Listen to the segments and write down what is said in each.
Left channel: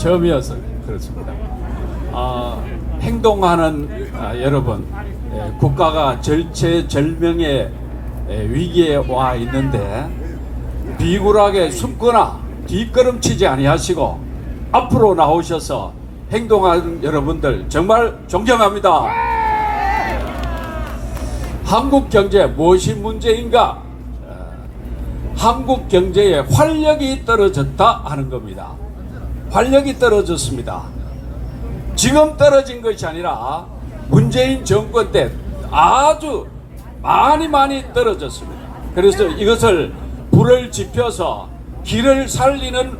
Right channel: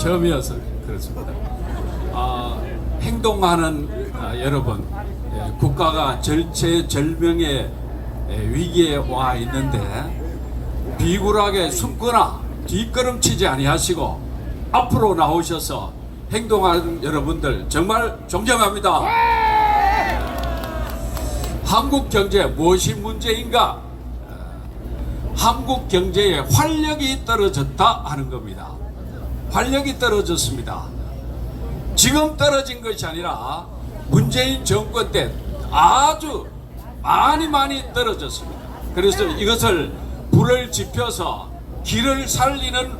처음이어서 그렇습니다. 행동하는 여러분, 국가가 절체절명의 위기에 와 있는데 비굴하게 숨거나 뒷걸음치지 아니하시고 앞으로 나오셔서 행동하는 여러분들 정말 존경합니다. 한국 경제 무엇이 문제인가? 한국 경제의 활력이 떨어졌다 하는 겁니다. 활력이 떨어졌습니다. 지금 떨어진 것이 아니라 문재인 정권 때 아주 많이 떨어졌습니다. 그래서 이것을 불을 지펴서 길을 살리는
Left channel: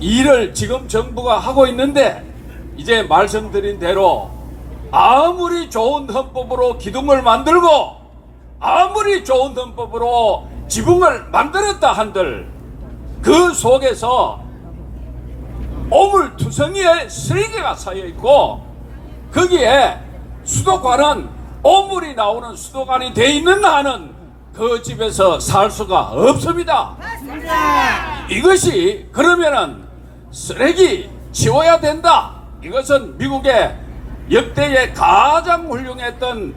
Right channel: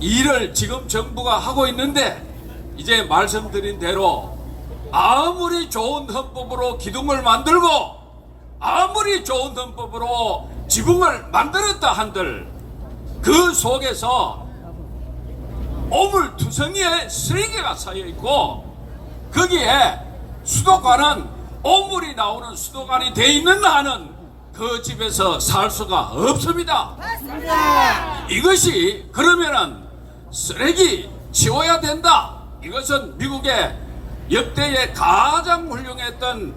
일을 지금 정부가 하고 있는데, 이제 말씀드린 대로 아무리 좋은 헌법으로 기둥을 만들고 아무리 좋은 헌법으로 지붕을 만들었다 한들 그 속에서 오물투성이에 쓰레기가 쌓여있고 거기에 수도관은 오물이 나오는 수도관이 돼 있는 한은 그 집에서 살 수가 없습니다. 맞습니다. 이것이 그러면은 쓰레기 치워야 된다. 이것은 미국의 역대의 가장 훌륭했던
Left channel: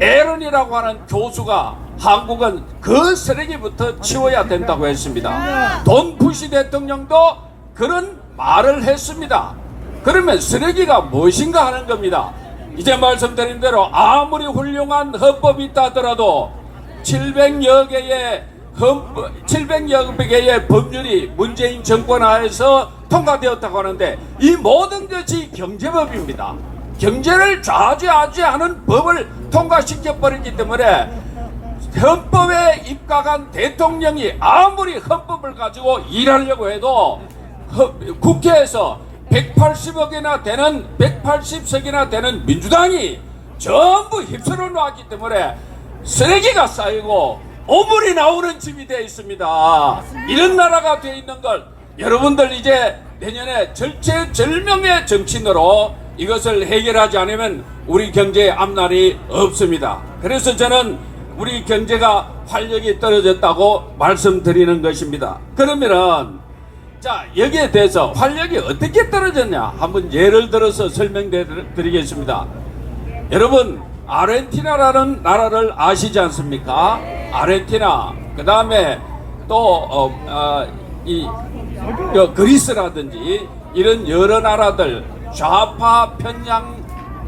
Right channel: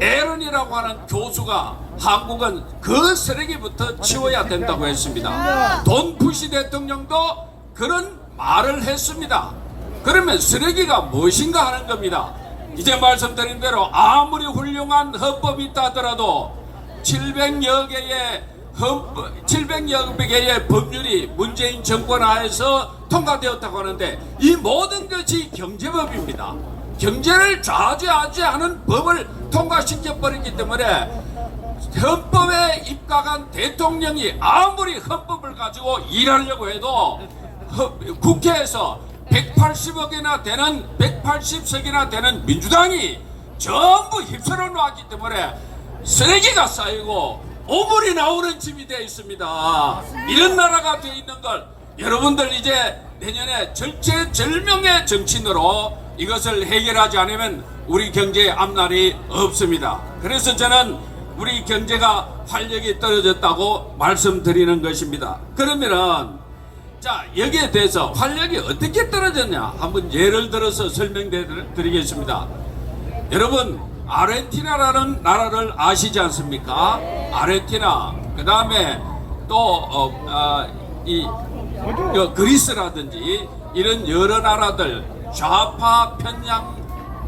에런이라고 하는 교수가 한국은 그 쓰레기부터 치워야 된다고 했습니다. 돈 부시 대통령도 그런 말을 했습니다. 그러면 쓰레기가 무엇인가 하는 겁니다. 이제 말씀드린 대로 아무리 훌륭한 헌법이 있다 하더라도 700여 개의 법률이 문재인 정권 하에서 통과되었다고 하는데 이 모든 것이 경제법입니다. 경제를 좌지하지 않은 법을 통과시켜버리기 때문에 헌법에 입각한 대통령이 아무리 헌법을 가지고 일하려고 해도 국회에서 180석이나 되는 민주당이 전부 휩쓸어 놨기 때문에 쓰레기가 쌓이고 오물이 나오는 집이 되어 있습니다. 이런 나라가 되어 있는 걸 여러분들 이제 내년에 절체절명의 정치인으로 이것을 해결하지 않으면 우리 경제의 앞날이 없습니다. 그래서 저는 우리 경제가 활력이 떨어졌다고 말씀드리는 것입니다. 그러면은 자, 여기에 대해서 활력이 어떻게 떨어졌냐 한번 예를 들어서 설명드리겠습니다. 여러분, 아르헨티나라는 나라를 아시지 않습니까? 아르헨티나, 그 다음에 또 그리스라든지 이런 여러 나라들, 좌파 편향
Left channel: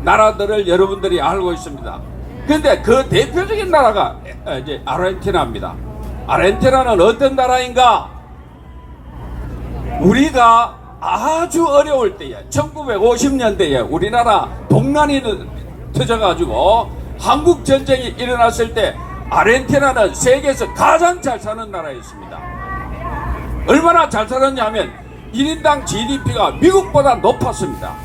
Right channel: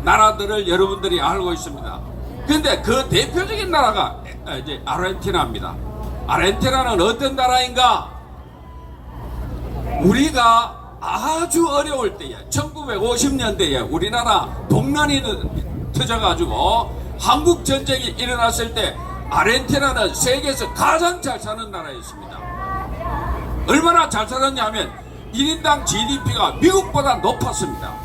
나라들을 여러분들이 알고 있습니다. 그런데 그 대표적인 나라가 이제 아르헨티나입니다. 아르헨티나는 어떤 나라인가? 우리가 아주 어려울 때에 1950년대에 우리나라 동란이 터져가지고 한국 전쟁이 일어났을 때 아르헨티나는 세계에서 가장 잘 사는 나라였습니다. 얼마나 잘 살았냐 하면 1인당 GDP가 미국보다 높았습니다.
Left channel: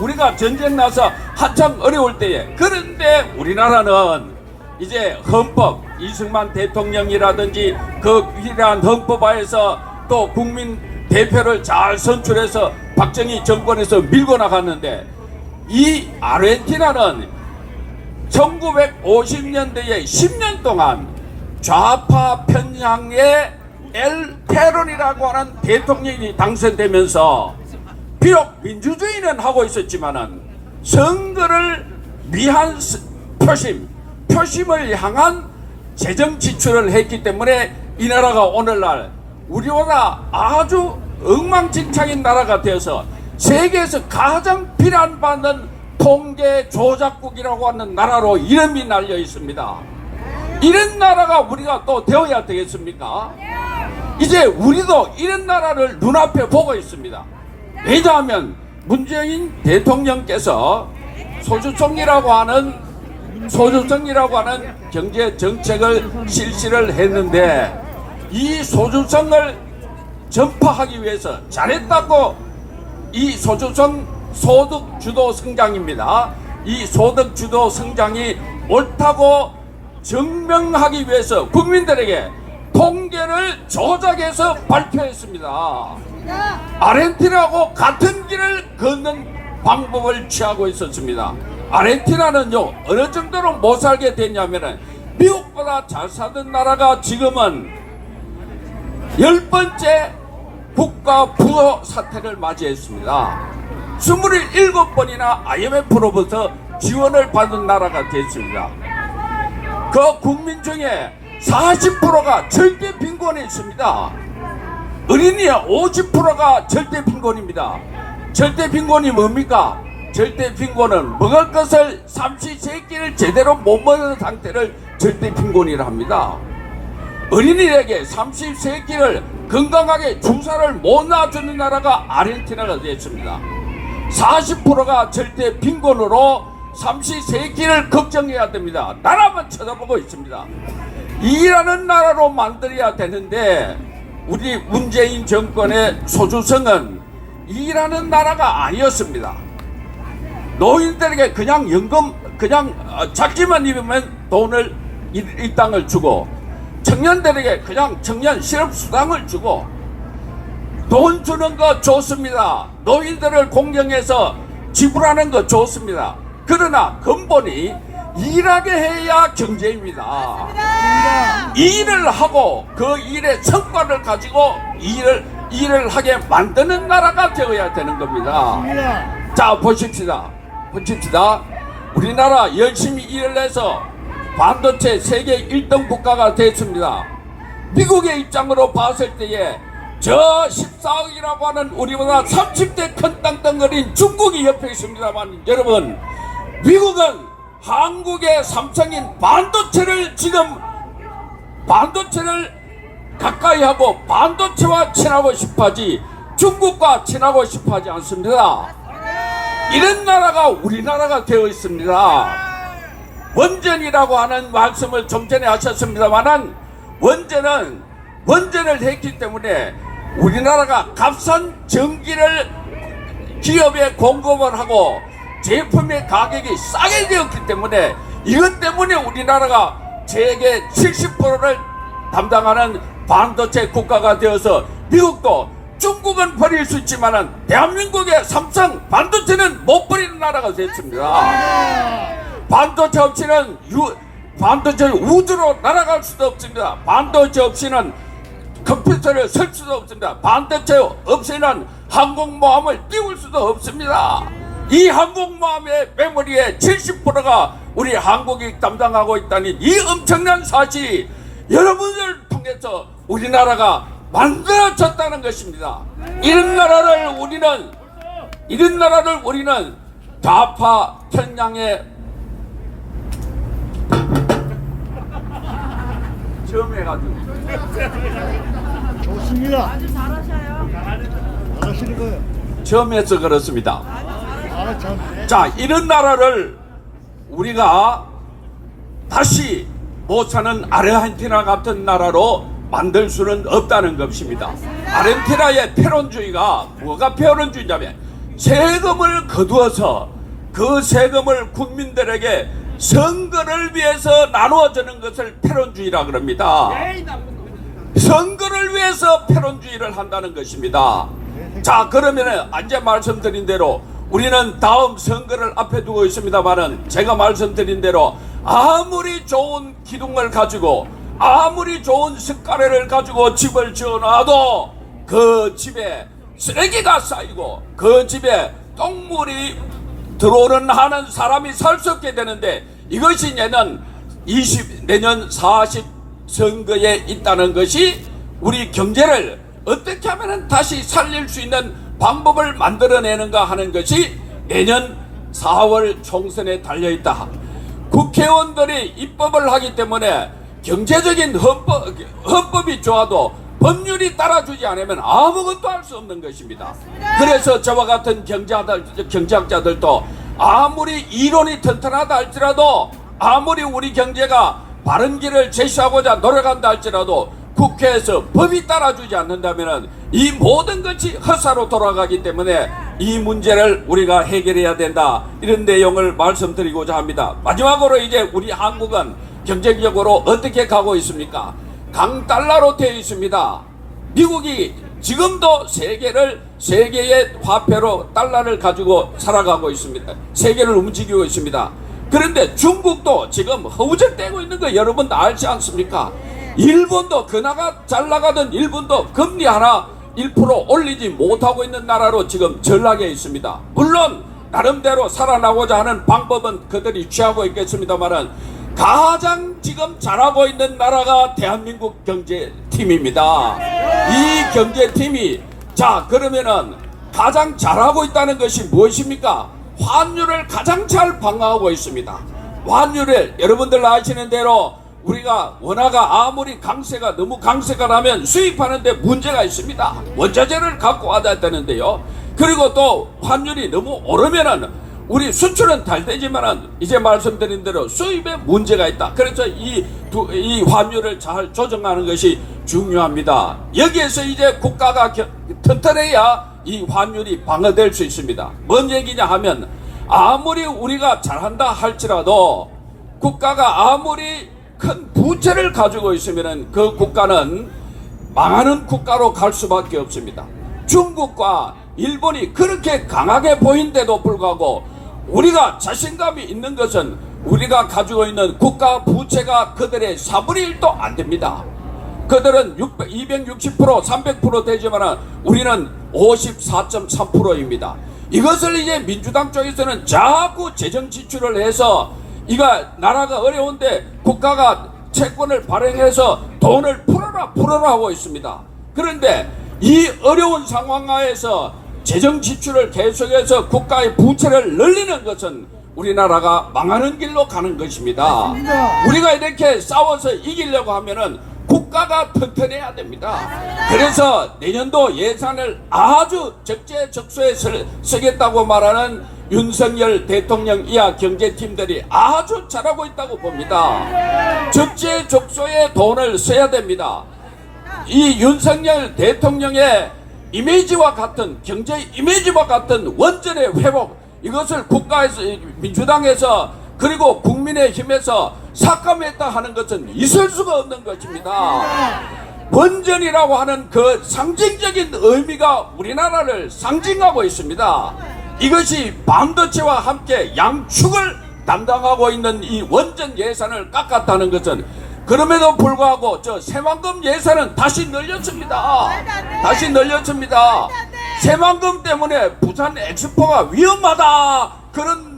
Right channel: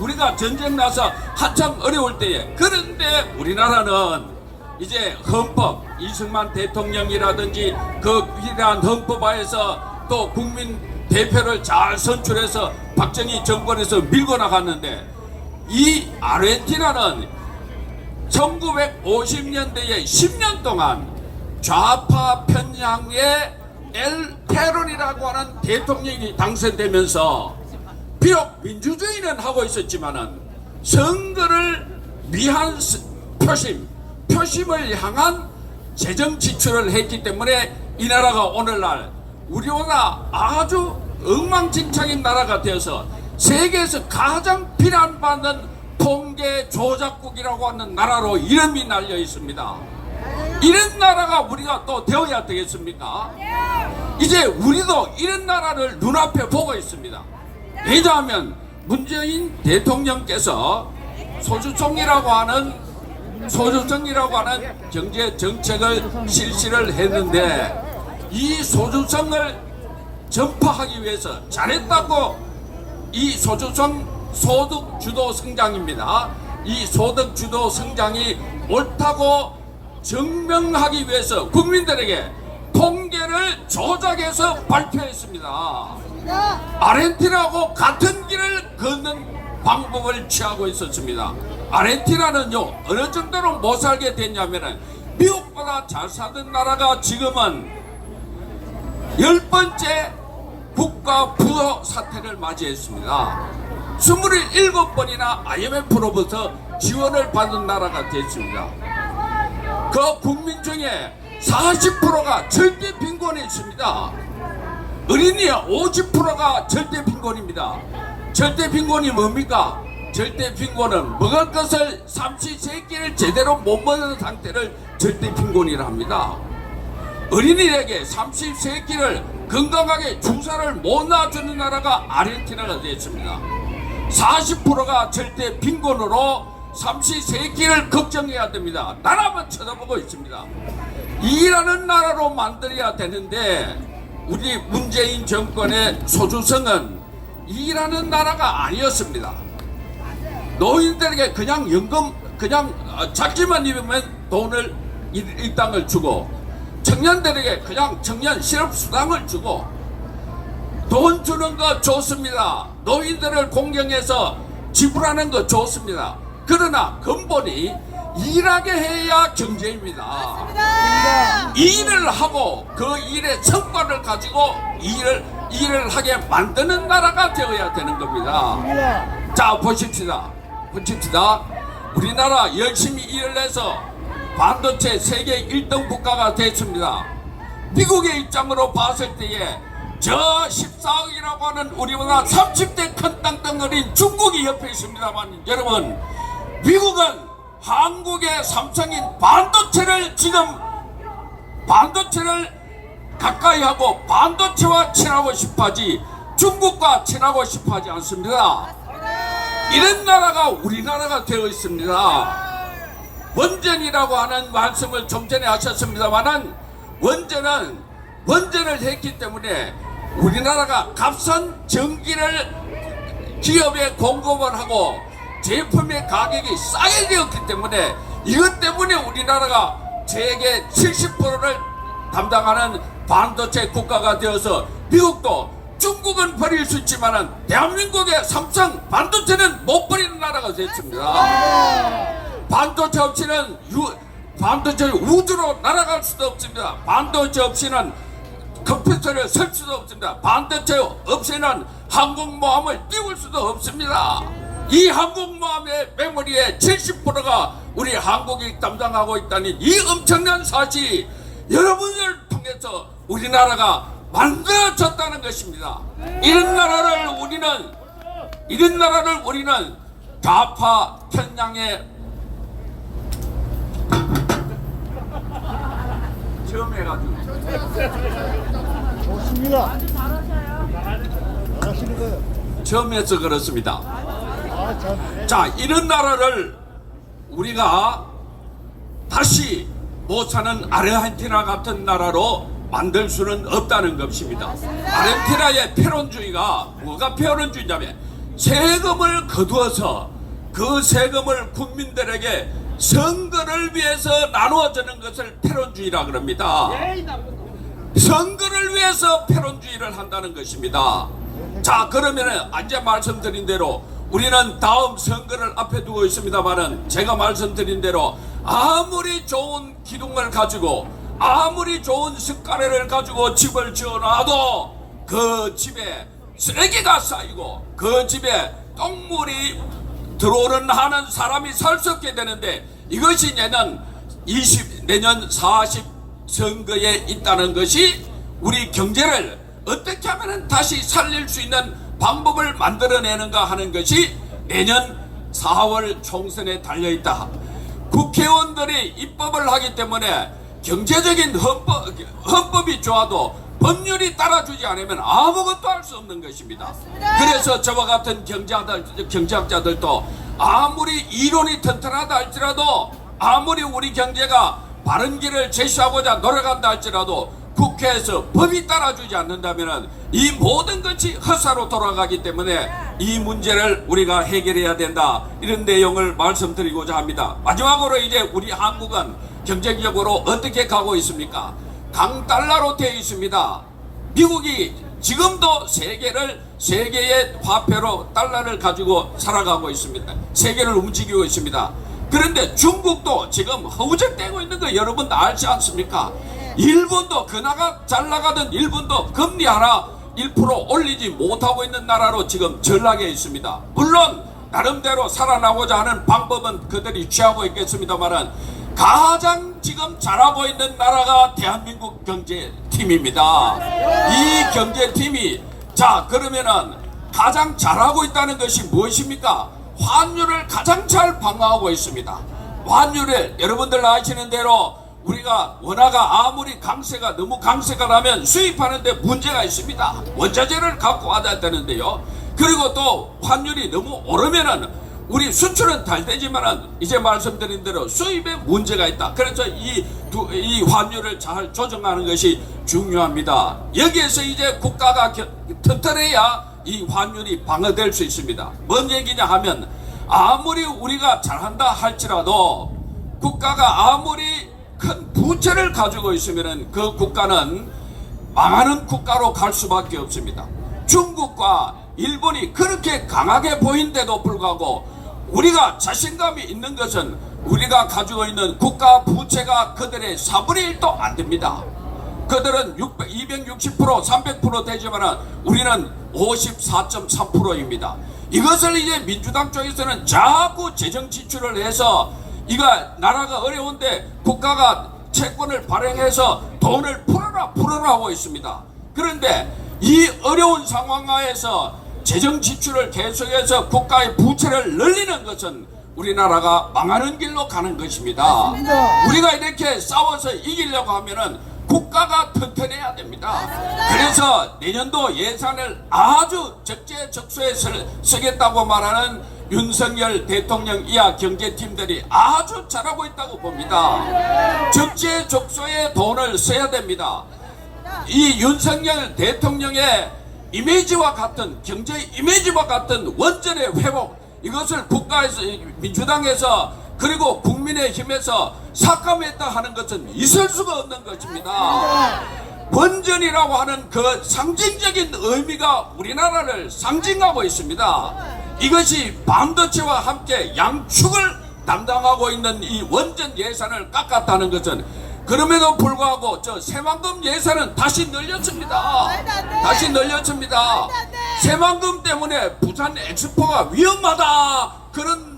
우리가 전쟁 나서 한참 어려울 때에. 그런데 우리나라는 이제 헌법, 이승만 대통령이라든지 그 위대한 헌법하에서 또 국민 대표를 잘 선출해서 박정희 정권에서 밀고 나갔는데, 이 아르헨티나는 1950년대에 10년 동안 좌파 편향의 엘 페론이라고 하는 대통령이 당선되면서 비록 민주주의는 하고 있었지만은 선거를 위한 표심을 향한 재정 지출을 했기 때문에 이 나라가 오늘날 우리보다 아주 엉망진창인 나라가 되어서 세계에서 가장 비난받는 통계 조작국이라고 하는 나라로 이름이 날려 있습니다. 이런 나라가 우리가 또 되어야 되겠습니까? 이제 우리도 이런 나라를 눈앞에 보고 있습니다. 왜냐하면 문재인 대통령께서 소주총리라고 하는 경제 정책을 실시를 했는데, 이 소주성을 전파하기 위해서 잘했다고, 이 소주성 소득 주도 성장입니다. 이 소득 주도 성장이 옳다고 증명하기 위해서 국민들에게 통계를 조작해서 발표했습니다. 아르헨티나하고 같은 길을 걷는 방법을 취하고 있었습니다. 아르헨티나는요, 어느 정도로 못 살게 됐냐면은 미국보다 잘 사는 나라가 지금은 10번째 국가 부도 사태를 맞이했습니다. 27번이나 IMF로부터 지원을 받은 나라가 됐습니다. 그 국민 중에 40%가 절대 빈곤에 있습니다. 어린이의 50%가 절대 빈곤입니다. 절대 빈곤이 뭡니까? 절대 빈곤은 먹을 것을 삼시세끼를 제대로 못 먹는 상태를 절대 빈곤이라 합니다. 어린이에게 삼시세끼를 건강하게 주사를 못 놔주는 나라가 아르헨티나가 되었습니다. 40%가 절대 빈곤으로 삼시세끼를 걱정해야 됩니다. 나라만 쳐다보고 있습니다. 이라는 나라로 만들어야 되는데 우리 문재인 정권의 소주성은 이라는 나라가 아니었습니다. 노인들에게 그냥 연금 그냥 작지만 입으면 돈을 일당을 주고 청년들에게 그냥 청년 실업수당을 주고 돈 주는 거 좋습니다. 노인들을 공경해서 지불하는 거 좋습니다. 그러나 근본이 일하게 해야 경제입니다. 일을 하고 그 일의 성과를 가지고 일을 하게 만드는 나라가 되어야 되는 겁니다. 자 보십시다. 우리나라 열심히 일을 해서 반도체 세계 1등 국가가 됐습니다. 미국의 입장으로 봤을 때에 저 14억이라고 하는 우리보다 30대 큰 땅덩어리인 중국이 옆에 있습니다만 여러분 미국은 한국의 삼성인 반도체를 가까이 하고 반도체와 친하고 싶어하지 중국과 친하고 싶어하지 않습니다. 이런 나라가 우리나라가 되어 있습니다. 원전이라고 하는 말씀을 좀 전에 하셨습니다만은 원전을 했기 때문에 우리나라가 값싼 전기를 기업에 공급을 하고 제품의 가격이 싸게 되었기 때문에 이것 때문에 우리나라가 세계 70%를 담당하는 반도체 국가가 되어서 미국도 중국은 버릴 수 있지만은 대한민국의 삼성 반도체는 못 버리는 나라가 됐습니다. 반도체 없이는 우주로 날아갈 수도 없습니다. 반도체 없이는 컴퓨터를 쓸 수도 없습니다. 반도체 없이는 항공모함을 띄울 수도 없습니다. 이 항공모함의 메모리의 70%가 우리 한국이 담당하고 있다는 이 엄청난 사실이 여러분을 통해서 우리나라가 만들어졌다는 것입니다. 이런 나라를 우리는 좌파 편향에 점해가지고 좋습니다. 잘하시는 거예요. 점해서 그렇습니다. 자, 이런 나라를 우리가 다시 못 사는 아르헨티나 같은 나라로 만들 수는 없다는 것입니다. 아르헨티나의 패론주의가 뭐가 패론주의냐면 세금을 거두어서 그 세금을 국민들에게 선거를 위해서 나누어주는 것을 패론주의라 그럽니다. 선거를 위해서 패론주의를 한다는 것입니다. 자, 그러면은 이제 말씀드린 대로 우리는 다음 선거를 앞에 두고 있습니다만은 제가 말씀드린 대로 아무리 좋은 기둥을 가지고 아무리 좋은 습가래를 가지고 집을 지어놔도 그 집에 쓰레기가 쌓이고 그 집에 똥물이 들어오는 하는 사람이 살 수 없게 되는데 이것이 내년 40 선거에 있다는 것이 우리 경제를 어떻게 하면 다시 살릴 수 있는 방법을 만들어내는가 하는 것이 내년 4월 총선에 달려있다. 국회의원들이 입법을 하기 때문에 경제적인 헌법이 좋아도 법률이 따라주지 않으면 아무것도 할 수 없는 것입니다. 그래서 저와 같은 경제학자들도 아무리 이론이 튼튼하다 할지라도 아무리 우리 경제가 바른 길을 제시하고자 노력한다 할지라도 국회에서 법이 따라주지 않는다면 이 모든 것이 헛사로 돌아가기 때문에 이 문제를 우리가 해결해야 된다. 이런 내용을 말씀드리고자 합니다. 마지막으로 이제 우리 한국은 경제적으로 어떻게 가고 있습니까? 강달러로 되어 있습니다. 미국이 지금도 세계의 화폐로 달러를 가지고 살아가고 있습니다. 세계를 움직이고 있습니다. 그런데 중국도 지금 허우적대고 있는 거 여러분도 알지 않습니까? 일본도 그나가 잘 나가던 일본도 금리 하나 1% 올리지 못하고 있는 나라로 지금 전락해 있습니다. 물론 나름대로 살아나고자 하는 방법은 그들이 취하고 있겠습니다만은 가장 지금 잘하고 있는 나라가 대한민국 경제팀입니다. 이 경제팀이 자 그러면은 가장 잘하고 있다는 것이 무엇입니까? 환율을 가장 잘 방어하고 있습니다. 환율을 여러분들 아시는 대로 우리가 원화가 아무리 너무 강세가 나면 수입하는데 문제가 있습니다. 원자재를 갖고 와야 되는데요. 그리고 또 환율이 너무 오르면은 우리 수출은 잘 되지만은 이제 말씀드린 대로 수입에 문제가 있다. 그래서 이 환율을 잘 조정하는 것이 중요합니다. 여기에서 이제 국가가 튼튼해야 이 환율이 방어될 수 있습니다. 뭔 얘기냐 하면 아무리 우리가 잘한다 할지라도 국가가 아무리 큰 부채를 가지고 있으면 그 국가는 망하는 국가로 갈 수밖에 없습니다. 중국과 일본이 그렇게 강하게 보인데도 불구하고 우리가 자신감이 있는 것은 우리가 가지고 있는 국가 부채가 그들의 4분의 1도 안 됩니다. 그들은 260%, 300% 되지만 우리는 54.3%입니다. 이것을 이제 민주당 쪽에서는 자꾸 재정 지출을 해서 이가 나라가 어려운데 국가가 채권을 발행해서 돈을 풀어라 하고 있습니다. 그런데 이 어려운 상황하에서 재정 지출을 계속해서 국가의 부채를 늘리는 것은 우리나라가 망하는 길로 가는 것입니다. 우리가 이렇게 싸워서 이기려고 하면은 국가가 튼튼해야 됩니다. 그래서 내년도 예산을 아주 적재적소에 쓰겠다고 말하는 윤석열 대통령 이하 경제팀들이 아주 잘하고 있다고 봅니다. 적재적소에 돈을 써야 됩니다. 이 윤석열 대통령의 이미지와 같은 경제 이미지와 같은 원전의 회복, 이것을 국가에서 민주당에서 그리고 국민의힘에서 삭감했다 하는 것은 있을 수가 없는 것입니다. 원전이라고 하는 그 상징적인 의미가 우리나라를 상징하고 있습니다. 이것이 반도체와 함께 양축을 담당하고 있는 이 원전 예산을 깎았다는 것은 그럼에도 불구하고 저 새만금 예산은 다시 늘렸습니다. 다시 늘렸습니다. 새만금 때문에 부산 엑스포가 위험하다 그런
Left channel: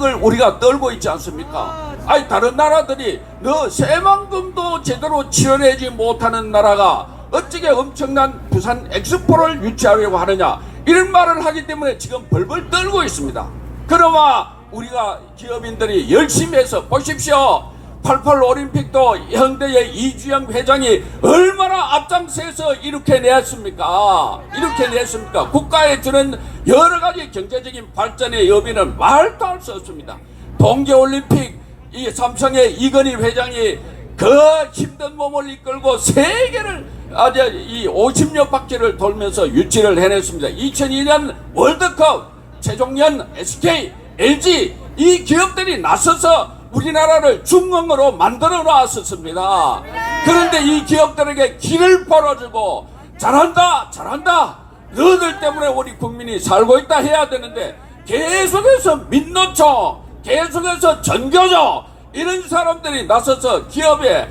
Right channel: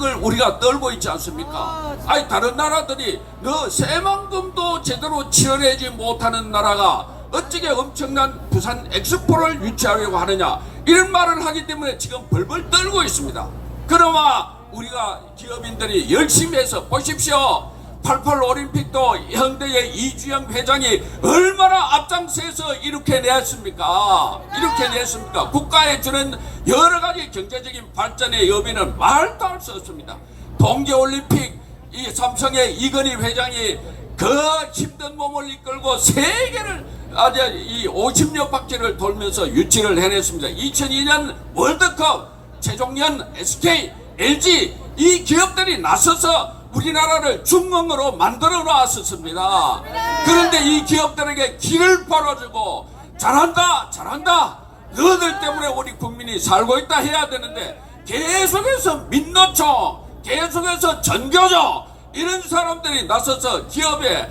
걸 우리가 떨고 있지 않습니까? 아니 다른 나라들이 너 새만금도 제대로 치러내지 못하는 나라가 어찌게 엄청난 부산 엑스포를 유치하려고 하느냐 이런 말을 하기 때문에 지금 벌벌 떨고 있습니다. 그러나 우리가 기업인들이 열심히 해서 보십시오. 88 올림픽도 현대의 이주영 회장이 얼마나 앞장서서 이렇게 냈습니까? 이렇게 냈습니까? 국가에 주는 여러 가지 경제적인 발전의 여비는 말도 할 수 없습니다. 동계올림픽 이 삼성의 이건희 회장이 그 힘든 몸을 이끌고 세계를 아주 이 50여 바퀴를 돌면서 유치를 해냈습니다. 2002년 월드컵 최종현 SK, LG 이 기업들이 나서서 우리나라를 중흥으로 만들어 놨었습니다. 그런데 이 기업들에게 길을 벌어주고 잘한다 너희들 때문에 우리 국민이 살고 있다 해야 되는데 계속해서 민노총 계속해서 전교조 이런 사람들이 나서서 기업에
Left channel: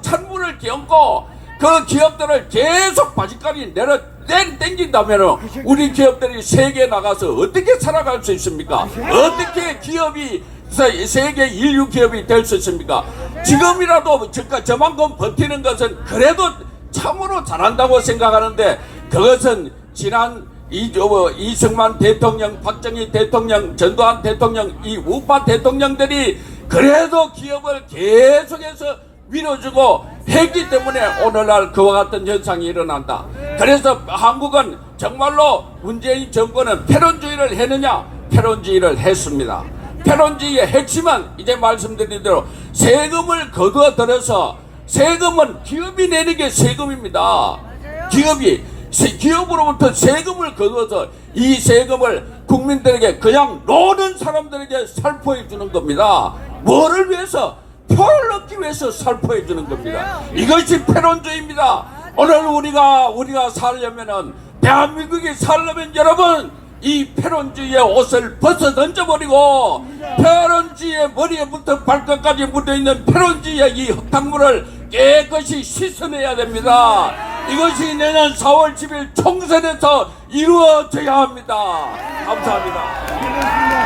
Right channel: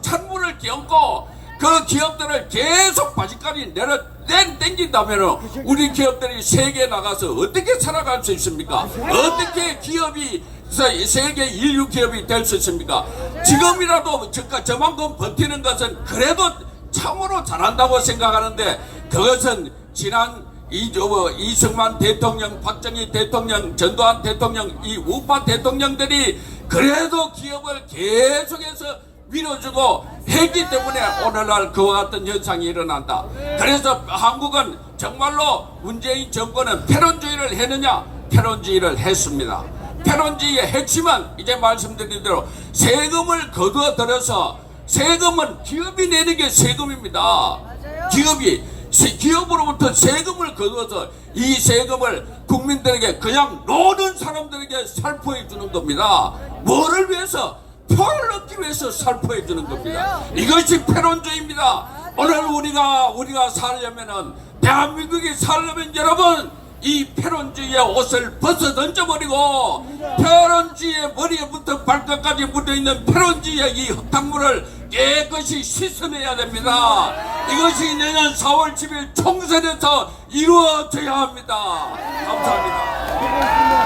찬물을 끼얹고 그 기업들을 계속 바지까지 땡긴다면 우리 기업들이 세계에 나가서 어떻게 살아갈 수 있습니까? 어떻게 기업이 세계 인류 기업이 될 수 있습니까? 지금이라도 저만큼 버티는 것은 그래도 참으로 잘한다고 생각하는데 그것은 지난 이승만 대통령, 박정희 대통령, 전두환 대통령, 이 우파 대통령들이 그래도 기업을 계속해서 밀어주고 했기 때문에 오늘날 그와 같은 현상이 일어난다. 그래서 한국은 정말로 문재인 정권은 패권주의를 했느냐? 패권주의를 했습니다. 패권주의의 핵심은 이제 말씀드린 대로 세금을 거두어 들여서 세금은 기업이 내는 게 세금입니다. 기업으로부터 세금을 거두어서 이 세금을 국민들에게 그냥 노는 사람들에게 살포해 주는 겁니다. 뭐를 위해서? 표를 얻기 위해서 살포해 주는 겁니다. 이것이 패권주의입니다. 오늘 우리가 살려면은 대한민국이 살려면 여러분 이 패권주의의 옷을 벗어 던져버리고 패권주의의 머리에부터 발끝까지 묻어있는 패권주의의 이 흙탕물을 깨끗이 씻어내야 됩니다. 이것이 내년 4월 10일 총선에서 이루어져야 합니다. 감사합니다.